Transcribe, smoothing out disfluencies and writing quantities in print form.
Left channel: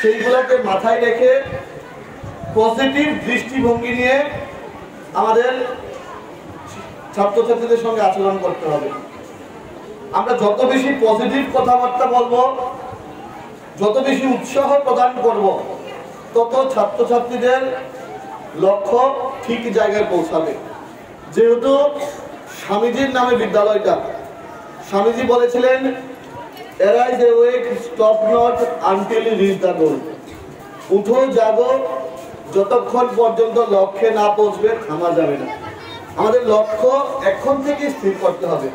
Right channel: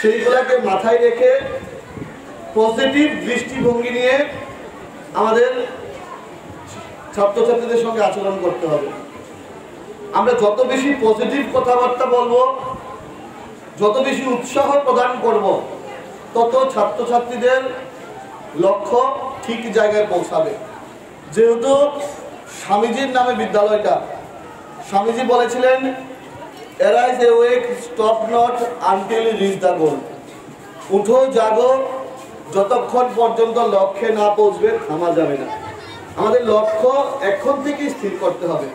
সেইগুলোকে মাথায় রেখে পজিটিভ দৃষ্টিভঙ্গি নিয়ে আমাদের ছাত্রছাত্রীদের সঙ্গে আচরণ করতে হবে। আমরা যত বেশি পজিটিভ কথাবার্তা বলবো, যত বেশি উৎসাহ প্রদান করব, তত ছাত্রছাত্রীদের লক্ষ্য ঠিক জায়গায় পৌঁছাবে। যেহেতু স্বামীজির নামে বিদ্যালয়টা, স্বামীজি বলেছিলেন arise awake, stop not until you reach the goal। উঠো জাগো, যতক্ষণ পর্যন্ত লক্ষ্যে না পৌঁছবে থামা যাবে না। আমাদের লক্ষ্য এখন থেকে স্থির করতে হবে।